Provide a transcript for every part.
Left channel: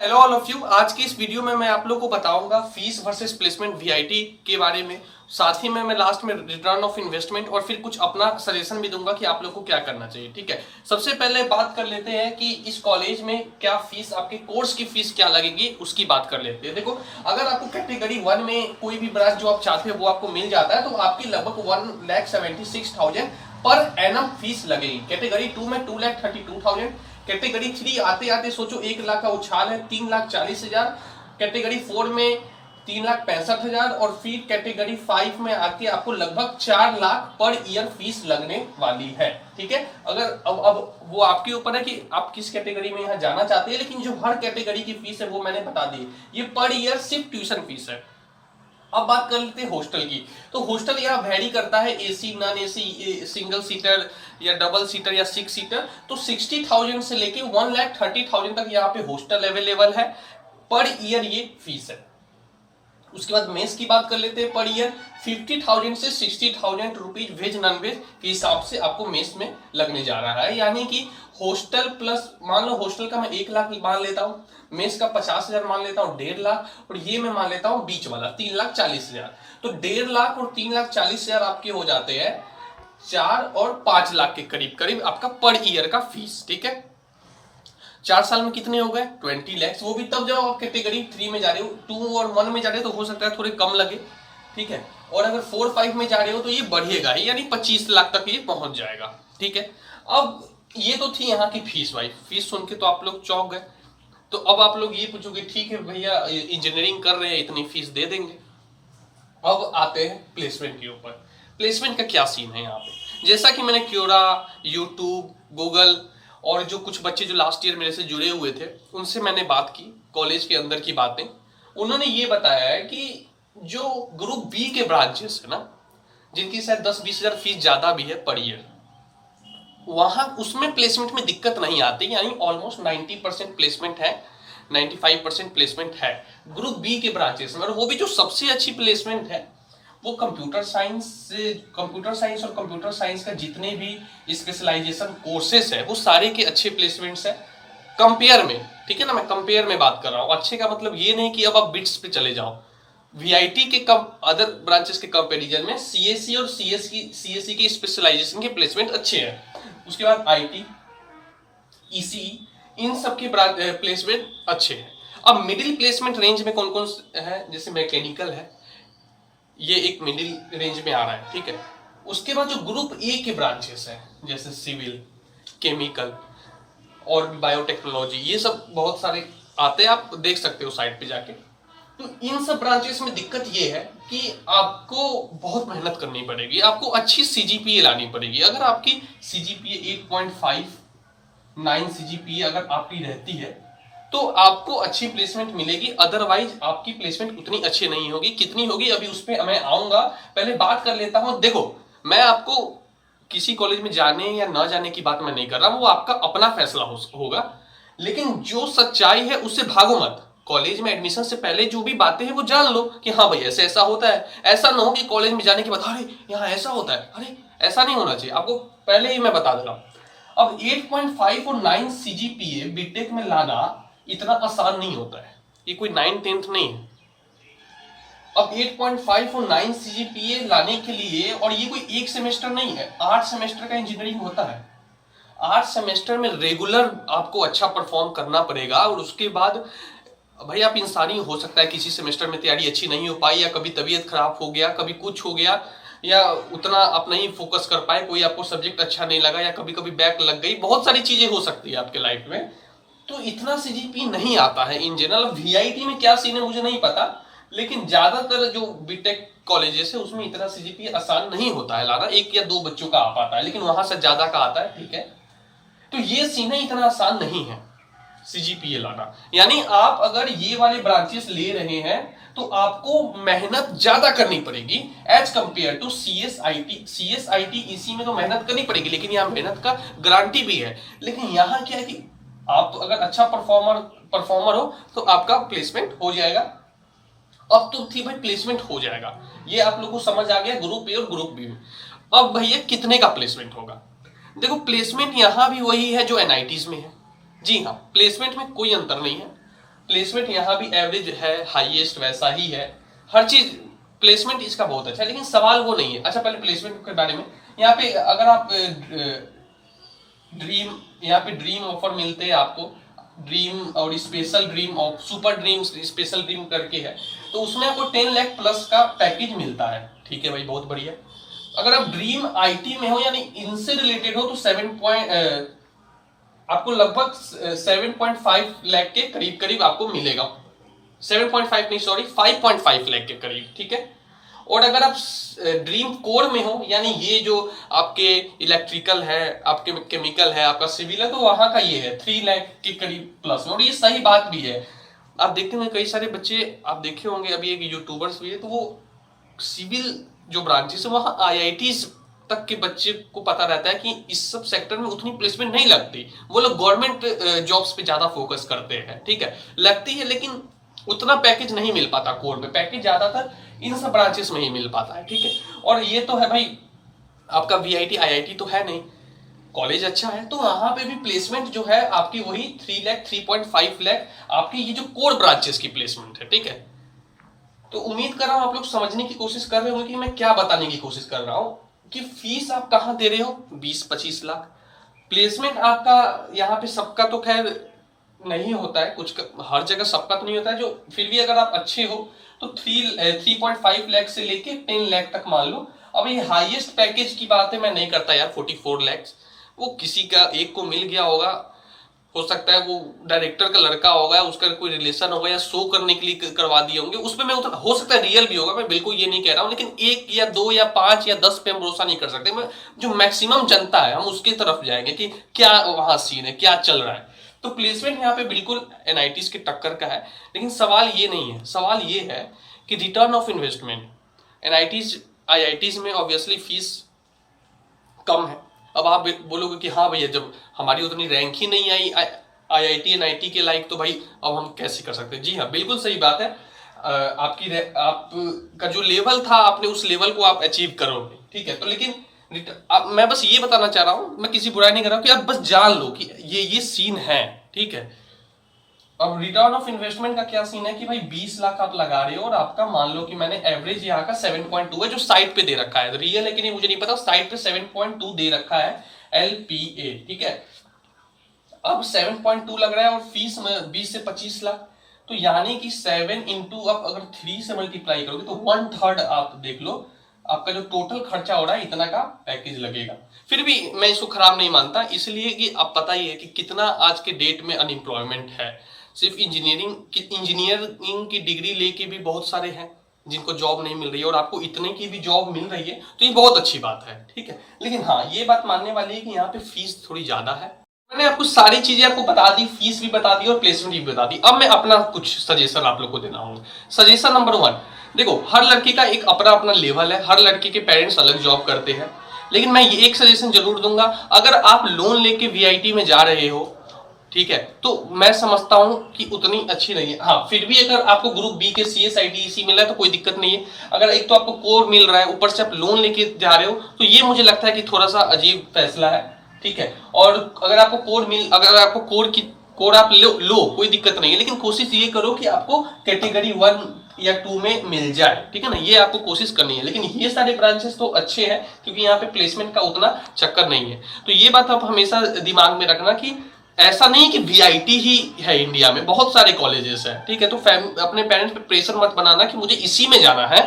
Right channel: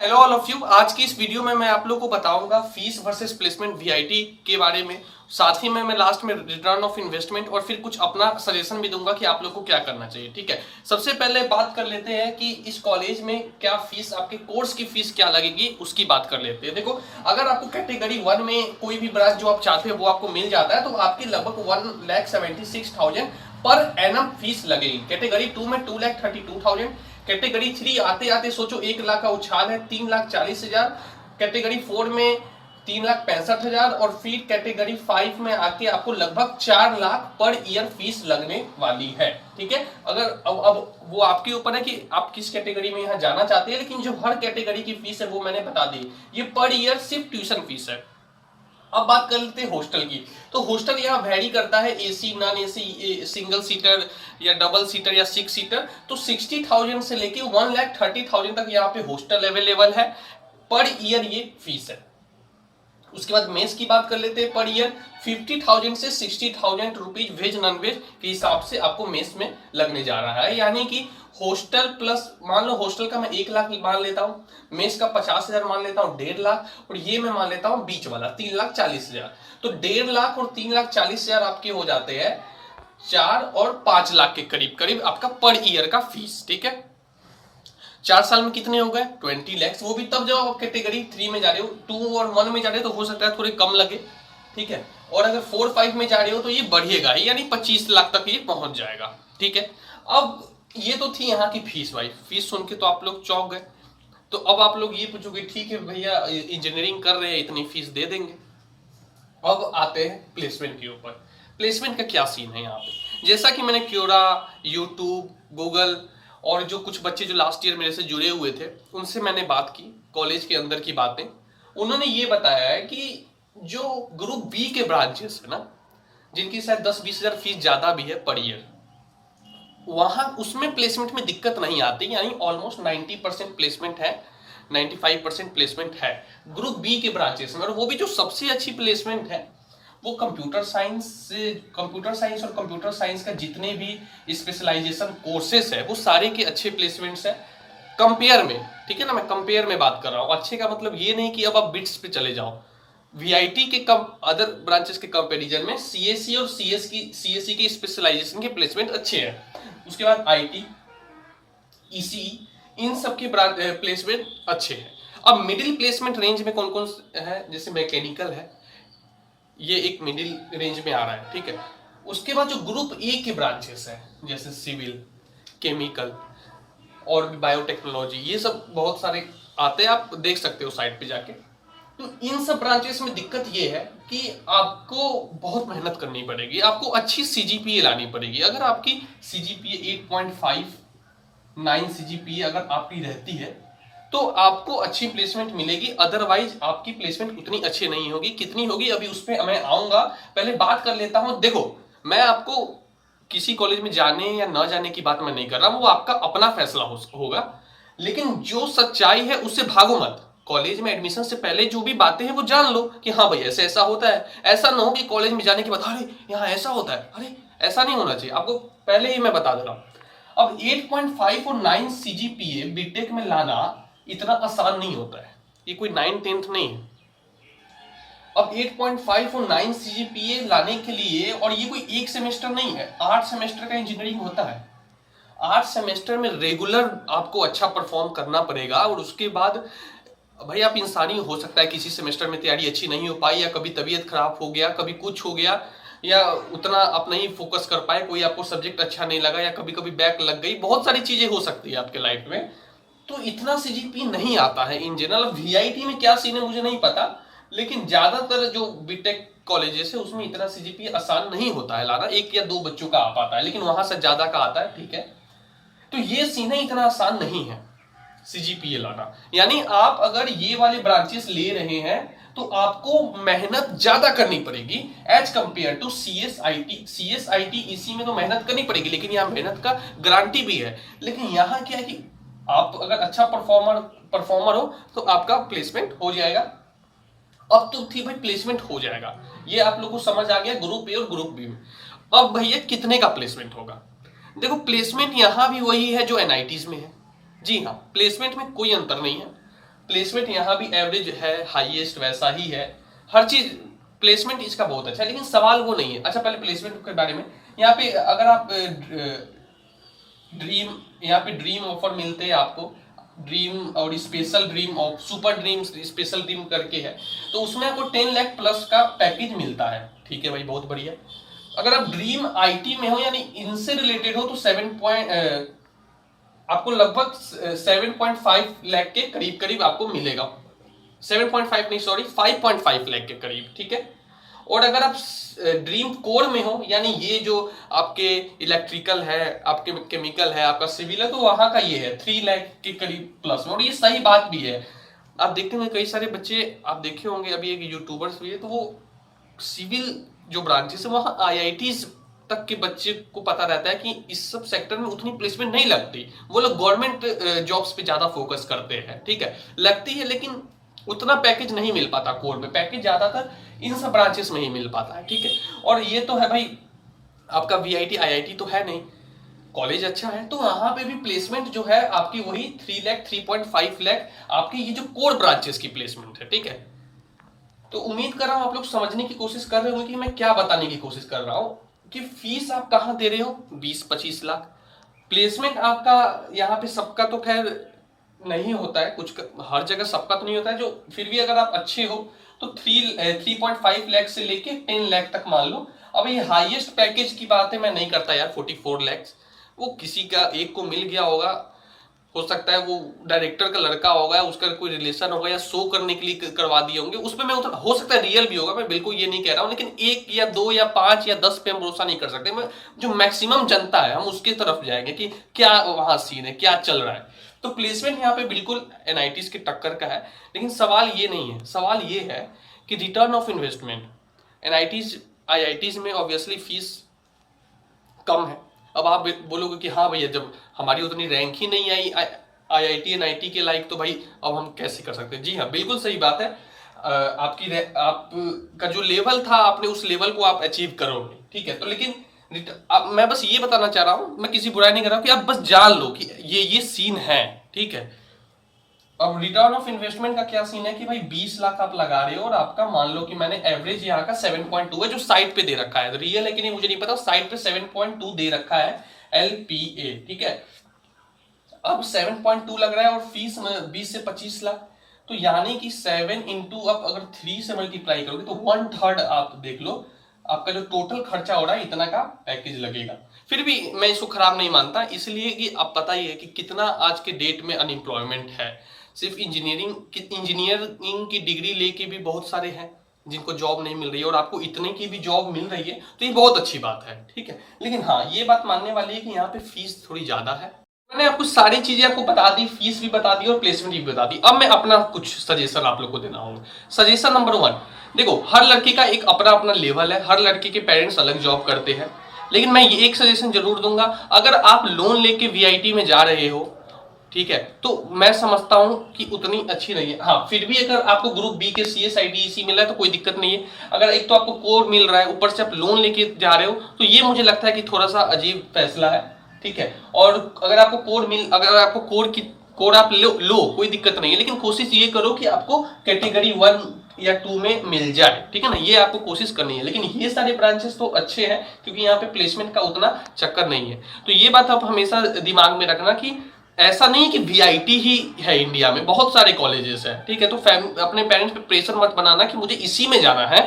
Hello all of you. आज की इस वीडियो में मैं आप लोग को बताऊंगा फीस वर्सेस प्लेसमेंट वीआईटी के बारे में। साथ ही में मैं लास्ट में रिटर्न ऑफ इन्वेस्टमेंट और फिर कुछ अपना सजेशन भी दूंगा कि आप लोग को क्या करना चाहिए। ठीक है, सबसे पहले बात कर लेते हैं कि इस कॉलेज में क्या फीस, आपके कोर्स की फीस क्या लगेगी उसकी बात कर लेते हैं। देखो, अगर आपको कैटेगरी 1 में कोई भी ब्रांच जो आप चाहते हो वो आपको मिल जाता है तो आपकी लगभग 1,76,000 पर एनम फीस लगेगी। कैटेगरी 2 में 2,32,000। कैटेगरी 3 आते आते सोचो 1 लाख का उछाल है, 3,40,000। कैटेगरी 4 में 3,65,000 और फिर कैटेगरी 5 में आके आपको लगभग 4 लाख पर ईयर फीस लगने वाली है। ठीक है, अगर अब वो आपके ऊपर है कि आप किस कैटेगरी में यहाँ जाना चाहते हैं, लेकिन जो हर कैटेगरी की फीस है वो मैंने बता दी। ये पर ईयर सिर्फ ट्यूशन फीस है। अब बात कर लेते हैं हॉस्टल की। तो हॉस्टल यहाँ वेरी करता है, AC, non AC, single seater या डबल सीटर या 6 सीटर। तो 60,000 से लेके 1,30,000 तक यहाँ पे हॉस्टल अवेलेबल है। पर ईयर ये फीस है। उसके बाद मेस की बात कर लेते हैं। पर ईयर 50,000 से 60,000 रुपीज वेज नॉन वेज के हिसाब से आपको मेस में लगने जा रहा है। यानी कि हॉस्टल प्लस, मान लो हॉस्टल का मैं 1 लाख मान लेता हूँ, मेस का 50,000 मान लेता हूँ, 1.5 लाख, और ये मैं मान लेता हूँ बीच वाला 3,40,000। तो 1.5 लाख और 3,40,000 आपके हो जाते हैं 4 और 5 लाख के करीब करीब आपका पर ईयर का फीस। ठीक है, 4 साल में कितने हो गए? 20 लैक्स। वो भी तब जब आप कैटेगरी 3 में जा रहे हो। 2 और 1 में जा रहे हो तो हो सकता है थोड़े कम लगे। ठीक है, और अगर 4 5 में जा रहे हो तो ये बढ़ेगा ही, यानी 25 लाख तक ये पहुंच जाएगा। ठीक है, अब ये तो थी यहाँ की फीस। भाई फीस सुन के तो आप लोग चौंक गए। तो अब आप लोग ये पूछोगे, ठीक है भैया इंजीनियरिंग कर रहे हैं इतनी फीस दे देंगे। अब आते हैं प्लेसमेंट के ऊपर। प्लेसमेंट का क्या सीन है यहाँ पे? जैसा कि मैंने क्योरा, यूट्यूब, गूगल और जो कुछ बच्चे जो लास्ट ईयर मेरे से जुड़े हुए थे उनसे मैंने बात की, कॉलेज के अंदर की बातें। उन्होंने ये बताया है कि जो ग्रुप बी के ब्रांचेस है ना, जिनकी शायद 10-20 हजार फीस ज्यादा भी है पर ईयर, वहां उसमें प्लेसमेंट में दिक्कत नहीं आती। यानी ऑलमोस्ट 90% प्लेसमेंट है, 95% प्लेसमेंट है ग्रुप बी के ब्रांचेस में। और वो भी जो सबसे अच्छी प्लेसमेंट है वो कंप्यूटर साइंस से, कंप्यूटर साइंस और कंप्यूटर साइंस का जितने भी स्पेशलाइजेशन कोर्सेस है वो सारे के अच्छे प्लेसमेंट्स है कंपेयर में। ठीक है ना, मैं कंपेयर में बात कर रहा हूँ। अच्छे का मतलब ये नहीं कि अब आप बिट्स पे चले जाओ। वीआईटी के कम अदर ब्रांचेस के कंपैरिजन में सीएससी और सीएससी के स्पेशलाइजेशन के प्लेसमेंट अच्छे हैं। उसके बाद आईटी, ईसी, इन सब के प्लेसमेंट अच्छे हैं। अब मिडिल प्लेसमेंट रेंज में कौन कौन है? जैसे मैकेनिकल है, ये एक मिडिल रेंज में आ रहा है। ठीक है, उसके बाद जो ग्रुप ए के ब्रांचेस हैं जैसे सिविल, केमिकल और बायोटेक्नोलॉजी, ये सब बहुत सारे आते हैं, आप देख सकते हो साइट पे जाके। तो इन सब ब्रांचेस में दिक्कत ये है कि आपको बहुत मेहनत करनी पड़ेगी, आपको अच्छी सीजीपीए लानी पड़ेगी। अगर आपकी सीजीपीए 8.5 9 सीजीपीए अगर आपकी रहती है तो आपको अच्छी प्लेसमेंट मिलेगी। अदरवाइज आपकी प्लेसमेंट उतनी अच्छी नहीं होगी। कितनी होगी अभी उस पर मैं आऊंगा, पहले बात कर लेता हूं। देखो, मैं आपको किसी कॉलेज में जाने या न जाने की बात मैं नहीं कर रहा, वो आपका अपना फैसला होगा। लेकिन जो सच्चाई है उससे भागो मत। कॉलेज में एडमिशन से पहले जो भी बातें हैं वो जान लो कि हाँ भाई ऐसे ऐसा होता है। ऐसा ना हो कि कॉलेज में जाने के बाद अरे यहाँ ऐसा होता है, अरे ऐसा नहीं होना चाहिए। आपको पहले ही मैं बता दे रहा हूं। अब 8.5 और 9 सीजीपीए बीटेक में लाना इतना आसान नहीं होता है। ये कोई 9th-10th नहीं है। अब 8.5 और 9 सीजीपीए लाने के लिए, और ये कोई एक सेमेस्टर नहीं है, 8 सेमेस्टर का इंजीनियरिंग होता है। 8 सेमेस्टर में रेगुलर आपको अच्छा परफॉर्म करना पड़ेगा। और उसके बाद भाई आप इंसानी हो सकता है किसी सेमेस्टर में तैयारी अच्छी नहीं हो पाई, या कभी तबीयत खराब हो गया, कभी कुछ हो गया, या उतना आप नहीं फोकस कर पाए, कोई आपको सब्जेक्ट अच्छा नहीं लगा, या कभी कभी बैक लग गई। बहुत सारी चीजें हो सकती है आपके लाइफ में, तो इतना सीजीपी नहीं आता है इन जनरल। वीआईटी में क्या सीन है मुझे नहीं पता, लेकिन ज्यादातर जो बीटेक कॉलेजेस है उसमें इतना सीजीपी आसान नहीं होता है लाना। 1 या 2 बच्चों का आ पाता है, लेकिन वहां से ज्यादा का आता है। ठीक है, तो ये सीन है, इतना आसान नहीं है सीजीपीए लाना। यानी आप अगर ये वाले ब्रांचेस ले रहे हैं तो आपको मेहनत ज्यादा करनी पड़ेगी एज कंपेयर टू सीएसआईटी इसी में तो मेहनत करनी पड़ेगी, लेकिन यहाँ मेहनत का गारंटी भी है। लेकिन यहाँ क्या है कि आप अगर अच्छा परफॉर्मर हो तो आपका प्लेसमेंट हो जाएगा। अब तो थी भाई प्लेसमेंट हो जाएगा, ये आप लोगों को समझ आ गया ग्रुप ए और ग्रुप बी में। अब भैया कितने का प्लेसमेंट होगा? देखो, प्लेसमेंट यहां भी वही है जो एनआईटीज में है। जी हाँ, प्लेसमेंट में कोई अंतर नहीं है। प्लेसमेंट यहाँ भी एवरेज है, हाईएस्ट वैसा ही है, हर चीज प्लेसमेंट इसका बहुत अच्छा है, लेकिन सवाल वो नहीं है। अच्छा पहले प्लेसमेंट के बारे में, यहाँ पे अगर आप ड्रीम, यहाँ पे ड्रीम ऑफर मिलते हैं आपको, ड्रीम और स्पेशल ड्रीम और सुपर ड्रीम स्पेशल ड्रीम करके है, तो उसमें आपको 10 लाख प्लस का पैकेज मिलता है। ठीक है भाई, बहुत बढ़िया। अगर आप ड्रीम आईटी में हो यानी इनसे रिलेटेड हो तो आपको लगभग 7.5 लाख के करीब करीब आपको मिलेगा, 7.5 नहीं सॉरी 5.5 लाख के करीब। ठीक है, और अगर आप ड्रीम कोर में हो यानी ये जो आपके इलेक्ट्रिकल है, आपके केमिकल है, आपका सिविल है, तो वहां का ये है 3 लाख के करीब प्लस में। और ये सही बात भी है, आप देखते हैं कई सारे बच्चे आप देखे होंगे, अभी एक यूट्यूबर्स भी है, तो वो सिविल जो ब्रांचेस है वहां IITs तक के बच्चे को पता रहता है कि इस सब सेक्टर में उतनी प्लेसमेंट नहीं लगती, वो लोग गवर्नमेंट जॉब्स पे ज्यादा फोकस करते हैं। ठीक है, लगती है लेकिन उतना पैकेज नहीं मिल पाता कोर में, पैकेज ज्यादातर इन सब ब्रांचेस में ही मिल पाता है। ठीक है, और ये तो है भाई आपका VIT IIT तो है नहीं, कॉलेज अच्छा है, तो वहां पे भी प्लेसमेंट जो है आपकी वही 3 लाख 3.5 लाख आपकी ये जो कोर ब्रांचेस की प्लेसमेंट है। ठीक है, तो उम्मीद कर रहा हूं आप लोग समझने की कोशिश कर रहे होंगे कि मैं क्या बताने की कोशिश कर रहा हूं, कि फीस आप कहां दे रहे हो 20-25 लाख, प्लेसमेंट आपका यहाँ पे सबका तो खैर नहीं होता है, कुछ हर जगह सबका तो नहीं होता है, जो फिर भी अगर आप अच्छे हो तो 3.5 लाख से लेके 10 लाख तक मान लो। अब ये हाईएस्ट पैकेज की बात है, मैं नहीं करता यार 44 लाख, वो किसी का एक को मिल गया होगा, हो सकता है वो डायरेक्टर का लड़का होगा, उसका कोई रिलेशन होगा या शो करने के लिए करवा दिए होंगे, उसमें मैं उतना हो सकता है रियल भी होगा, मैं बिल्कुल ये नहीं कह रहा हूं, लेकिन 1 या 2 या 5 या 10 पे हम भरोसा नहीं कर सकते। मैं जो मैक्सिमम जनता है हम उसकी तरफ जाएंगे कि क्या वहां सीन है, क्या चल रहा है। तो प्लेसमेंट यहाँ पे बिल्कुल NITs के टक्कर का है, लेकिन सवाल ये नहीं है, सवाल ये है कि return of investment NITs IITs में ऑब्वियसली फीस कम है। अब आप बोलोगे कि हाँ भैया जब हमारी उतनी रैंक ही नहीं आई IIT NIT के लायक, तो भाई अब हम कैसे कर सकते हैं। जी हाँ, बिल्कुल सही बात है, आपका जो लेवल था आपने उस लेवल को आप अचीव करोगे। ठीक है, तो लेकिन मैं बस ये बताना चाह रहा हूं, मैं किसी बुराई नहीं कर रहा हूं, कि आप बस जान लो कि ये सीन है। ठीक है, अब रिटर्न ऑफ इन्वेस्टमेंट का क्या सीन है कि भाई 20 लाख आप लगा रहे हो और आपका मान लो कि मैंने एवरेज यहाँ का 7.2 है जो साइट पे दे रखा है, रियल है कि नहीं मुझे नहीं पता, साइट पे 7.2 दे रखा है LPA। ठीक है, अब 7.2 लग रहा है और फीस में 20 से 25 लाख, तो यानी कि 7 इंटू आप अगर 3 से मल्टीप्लाई करोगे तो 1/3 आप देख लो आपका जो टोटल खर्चा हो रहा है इतना का पैकेज लगेगा। फिर भी मैं इसको खराब नहीं मानता, इसलिए कि आप पता ही है कि कितना आज के डेट में अनएम्प्लॉयमेंट है। सिर्फ इंजीनियरिंग की डिग्री लेके भी बहुत सारे हैं जिनको जॉब नहीं मिल रही है, और आपको इतने की भी जॉब मिल रही है तो ये बहुत अच्छी बात है। ठीक है, लेकिन हाँ ये बात मानने वाली है कि यहाँ पे फीस थोड़ी ज्यादा है। मैंने आपको सारी चीजें आपको बता दी, फीस भी बता दी और प्लेसमेंट भी बता दी। अब मैं अपना कुछ सजेशन आप लोग को देना हूँ। सजेशन नंबर 1, देखो हर लड़की का एक अपना अपना लेवल है, हर लड़के के पेरेंट्स अलग जॉब करते हैं, लेकिन मैं ये एक सजेशन जरूर दूंगा, अगर आप लोन लेके VIT में जा रहे हो, ठीक है, तो मैं समझता हूं कि उतनी अच्छी नहीं है। हाँ फिर भी अगर आपको ग्रुप B के CS ITEC मिल रहा है तो कोई दिक्कत नहीं है। अगर एक तो आपको कोर मिल रहा है ऊपर से आप लोन लेके जा रहे हो, तो ये मुझे लगता है कि थोड़ा सा अजीब फैसला है। ठीक है, और अगर आपको कोर आप लो कोई दिक्कत नहीं है, लेकिन कोशिश ये करो कि आपको कैटेगरी 1 या 2 में मिल जाए। ठीक है ना, ये आपको कोशिश करनी है। लेकिन ये सारे ब्रांचेस तो अच्छे हैं क्योंकि यहाँ पे प्लेसमेंट का उतना चक्कर नहीं है। तो ये बात आप हमेशा दिमाग में रखना कि ऐसा नहीं कि VIT ही है इंडिया में, बहुत सारे कॉलेजेस हैं। ठीक है, तो अपने पेरेंट्स पे प्रेशर मत बनाना कि मुझे इसी में जाना है।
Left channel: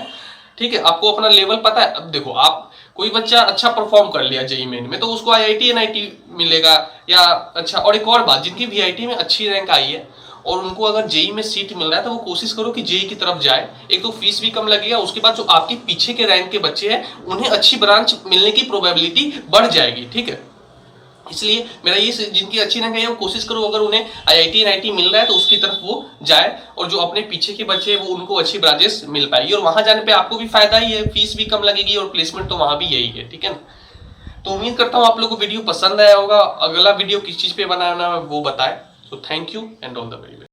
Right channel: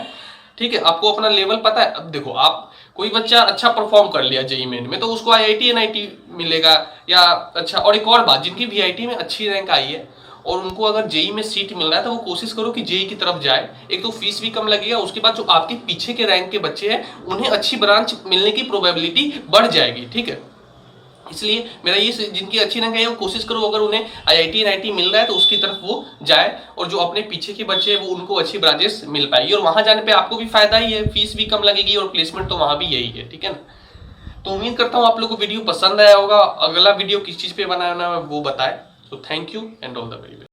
ठीक है, आपको अपना लेवल पता है। अब देखो आप कोई बच्चा अच्छा परफॉर्म कर लिया JEE मेन में तो उसको IIT NIT मिलेगा या अच्छा। और एक और बात, जिनकी VIT में अच्छी रैंक आई है और उनको अगर JEE में सीट मिल रहा है तो वो कोशिश करो कि JEE की तरफ जाए। एक तो फीस भी कम लगेगा, उसके बाद जो आपके पीछे के रैंक के बच्चे हैं उन्हें अच्छी ब्रांच मिलने की प्रोबेबिलिटी बढ़ जाएगी। ठीक है, इसलिए मेरा ये जिनकी अच्छी रैंक है वो कोशिश करो अगर उन्हें IIT NIT मिल रहा है तो उसकी तरफ वो जाए, और जो अपने पीछे के बच्चे हैं वो उनको अच्छी ब्रांचेस मिल पाएगी, और वहां जाने पे आपको भी फायदा ही है, फीस भी कम लगेगी और प्लेसमेंट तो वहां भी यही है। ठीक है ना, तो उम्मीद करता हूँ आप लोग को वीडियो पसंद आया होगा। अगला वीडियो किस चीज पे बनाना है वो बताए। तो thank you and all the very best.